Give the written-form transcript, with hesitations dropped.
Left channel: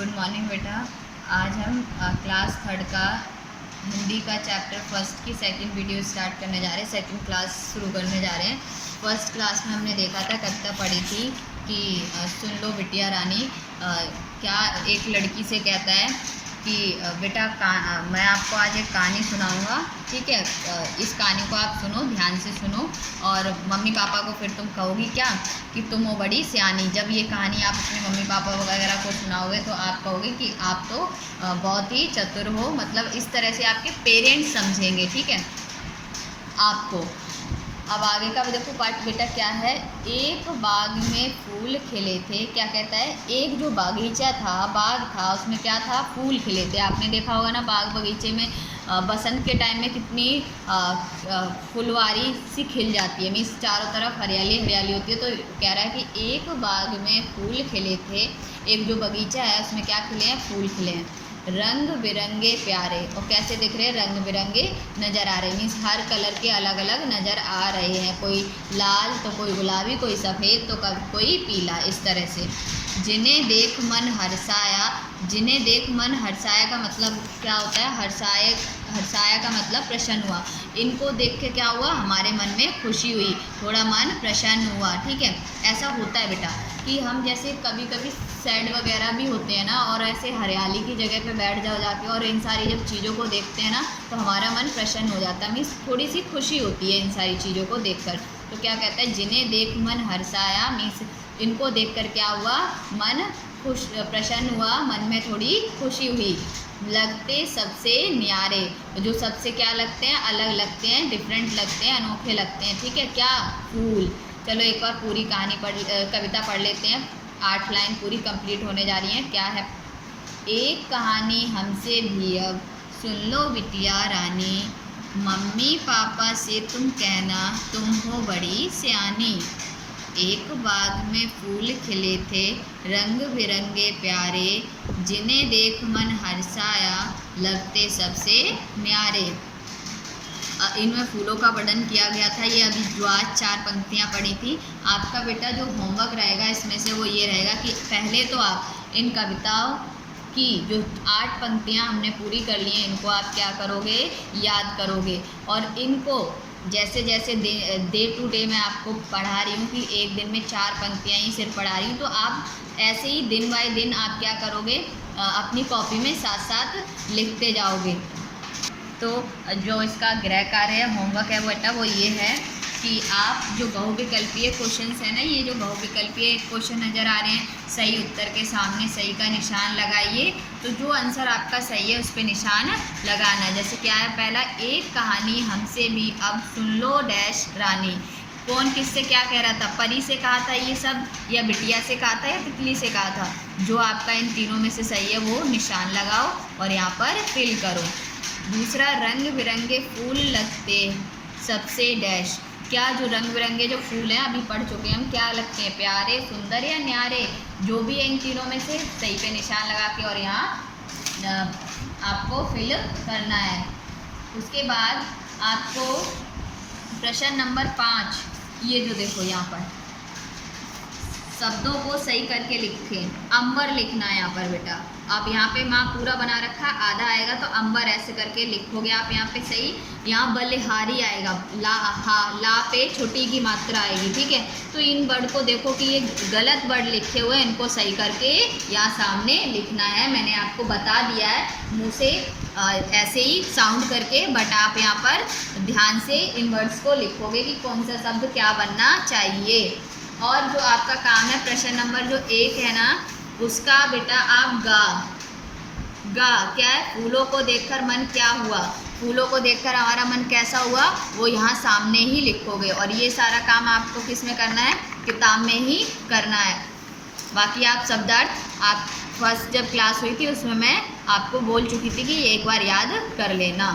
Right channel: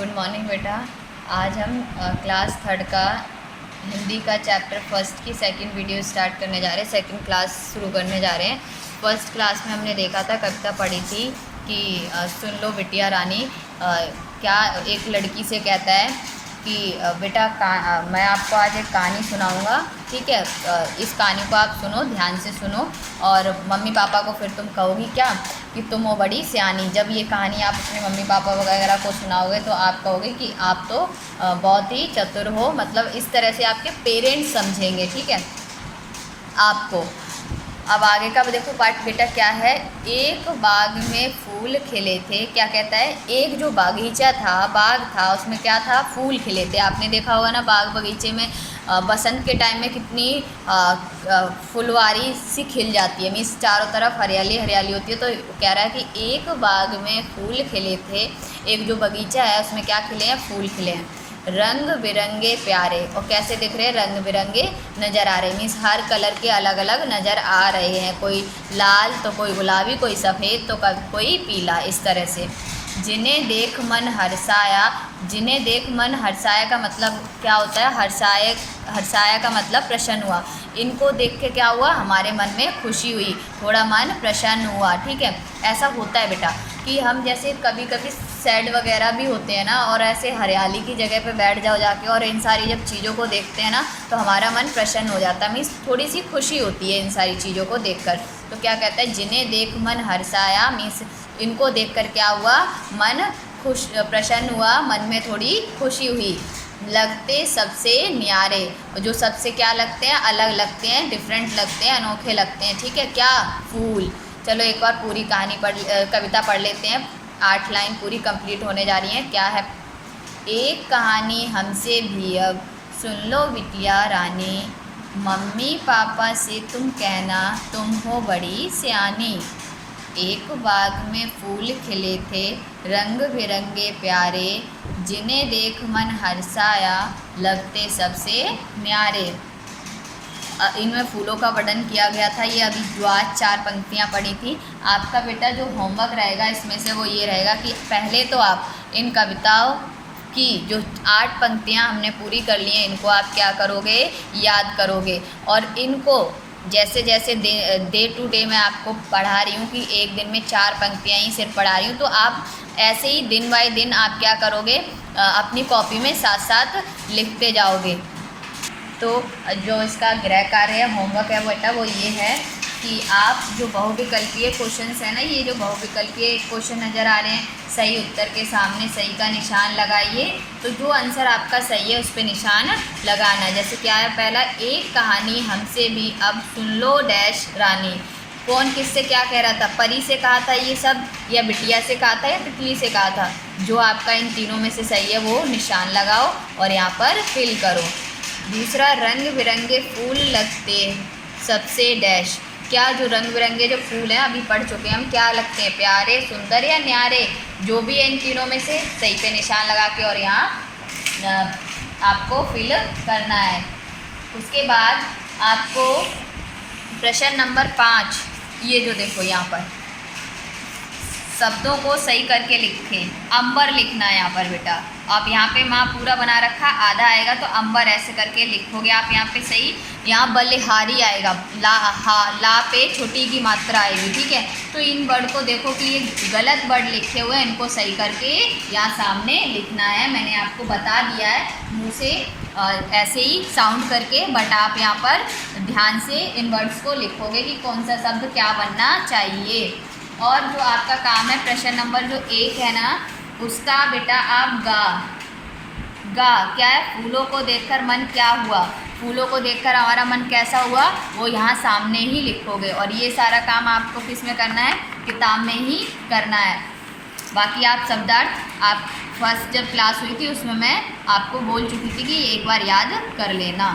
Good morning बेटा। आज हम क्लास थर्ड का हिंदी का चैप्टर फर्स्ट की सेकंड वीडियो स्टार्ट करने जा रहे हैं, सेकंड क्लास शुरू करने जा रहे हैं। फर्स्ट क्लास में हमने देखा था, कविता पढ़ी थी कि सुन लो बिटिया रानी। क्या एक लड़की से कहता है कि बेटा मैं आपको आज एक कहानी सुनाऊंगा, ठीक है। इस कहानी को आप सुनो, ध्यान से सुनो, और मम्मी पापा को फिर तुम कहोगी क्या कि तुम हो बड़ी सियानी। जब ये कहानी आप अपने मम्मी पापा वगैरह को सुनाओगे तो आप कहोगे कि आप तो बहुत ही चतुर हो, मतलब इस तरह से आपके पेरेंट्स समझेंगे, ठीक है आपको। अब आगे का देखो पाठ बेटा क्या है। एक बाग में फूल खिले थे। क्या कहता है, एक जो बागीचा था, बाग था, उसमें क्या था, फूल खिले थे। आपने देखा होगा ना, बाग बगीचे में बसंत के टाइम में कितनी फुलवारी सी खिल जाती है, मीन्स चारों तरफ हरियाली हरियाली होती है। तो कह रहा है कि एक बाग में फूल खिले थे, एक जो बगीचा है उसमें क्या खिले हैं, फूल खिले हैं, रंग बिरंगे प्यारे। और कैसे दिख रहे हैं, रंग बिरंगे नज़र आ रहे हैं, मीन्स हर कलर के अलग अलग नज़र आ रहे हैं। कोई लाल तो कोई गुलाबी, कोई सफ़ेद तो कोई पीला, इस तरह से। जिन्हें देख मन हर्षाया। जिन्हें देख मन हर्षाया का मतलब क्या होता है, हर्षाया का मतलब प्रसन्न हुआ। इनको देख के क्या हुआ, हमारे मन में खुशी हुई, थोड़ा मन प्रसन्न हुआ, ठीक है। ऐसा होता है बेटा कि हम जैसे कभी कभी सैड वगैरह भी होते हैं ना, और ऐसे हरियाली की जगह पे बैठ जाओ जाके, और इन सारी जब चीज़ों को देखते हैं ना तो हमारा मन प्रसन्न हो जाता है, मीन्स थोड़ी सी खुशी होती है इन सारी चीज़ों को देखकर। तो क्या कहता है, जिन्हें देख मन हर्षाया, मीन्स इनको देखकर क्या हुआ, मन खुश प्रसन्न हुआ, मन में थोड़ी खुशी हुई। लगते सबसे न्यारे, जो सबसे क्या लगते हैं, अलग लगते हैं, डिफरेंट लगते हैं, अनोखे लगते हैं, ठीक है, क्या, फूल। चलो एक बार पूरी कविता पढ़ लेते हैं। 8 लाइन पूरी कंप्लीट होने जा रही है। क्या है, एक कहानी हमसे भी अब सुन लो बिटिया रानी, मम्मी पापा से तुम कहना तुम हो बड़ी सियानी। एक बाग में फूल खिले थे, रंग बिरंगे प्यारे, जिन्हें देख मन हर्षाया, लगते सबसे न्यारे। इनमें फूलों का वर्णन किया गया था। ये अभी जो आज 4 पंक्तियाँ पढ़ी थी, आपका बेटा जो होमवर्क रहेगा इसमें से वो ये रहेगा कि पहले तो आप इन कविताओं की जो 8 पंक्तियाँ हमने पूरी कर ली हैं, इनको आप क्या करोगे, याद करोगे। और इनको जैसे जैसे डे टू डे मैं आपको पढ़ा रही हूँ कि एक दिन में 4 पंक्तियाँ ही सिर्फ पढ़ा रही हूँ, तो आप ऐसे ही दिन बाय दिन आप क्या करोगे, अपनी कॉपी में साथ साथ लिखते जाओगे। तो जो इसका गृह कार्य है, होमवर्क है बेटा, वो ये है कि आप जो बहुविकल्पीय क्वेश्चंस है ना, ये जो बहुविकल्पीय क्वेश्चन नज़र आ रहे हैं, सही उत्तर के सामने सही का निशान लगाइए। तो जो आंसर आपका सही है उस पर निशान लगाना है। जैसे क्या है, पहला, एक कहानी हमसे भी अब सुन लो डैश रानी। कौन किससे क्या कह रहा था, परी से कहा था ये सब, या बिटिया से कहा था, या तितली से कहा था। जो आपका इन तीनों में से सही है वो निशान लगाओ और यहाँ पर फिल करो। दूसरा, रंग बिरंगे फूल लगते सबसे डैश। क्या जो रंग बिरंगे जो फूल हैं अभी पढ़ चुके हैं हम, क्या लगते हैं, प्यारे, सुंदर या न्यारे। जो भी है इन तीनों में से सही पे निशान लगा के और यहाँ आपको फिल करना है। उसके बाद आपको प्रश्न नंबर 5, ये जो देखो यहाँ पर शब्दों को सही करके लिखें। अंबर लिखना है यहाँ पर बेटा। आप यहाँ पे माँ पूरा बना रखा, आधा आएगा तो अंबर ऐसे करके लिखोगे आप यहाँ पे सही। यहाँ बलिहारी आएगा, ला पे छोटी की मात्रा आएगी, ठीक है। तो इन वर्ड को देखो कि ये गलत वर्ड लिखे हुए हैं, इनको सही करके यहाँ सामने लिखना है। मैंने आपको बता दिया है मुँह से ऐसे ही साउंड करके, बट आप यहाँ पर ध्यान से इन वर्ड्स को लिखोगे कि कौन सा शब्द क्या बनना चाहिए। और जो आपका काम है, प्रश्न नंबर जो 1 है ना, उसका बेटा आप गा क्या है, फूलों को देखकर मन क्या हुआ, फूलों को देखकर हमारा मन कैसा हुआ, वो यहाँ सामने ही लिखोगे। और ये सारा काम आपको किस में करना है, किताब में ही करना है। बाकी आप शब्दार्थ आप फर्स्ट जब क्लास हुई थी उसमें मैं आपको बोल चुकी थी कि एक बार याद कर लेना।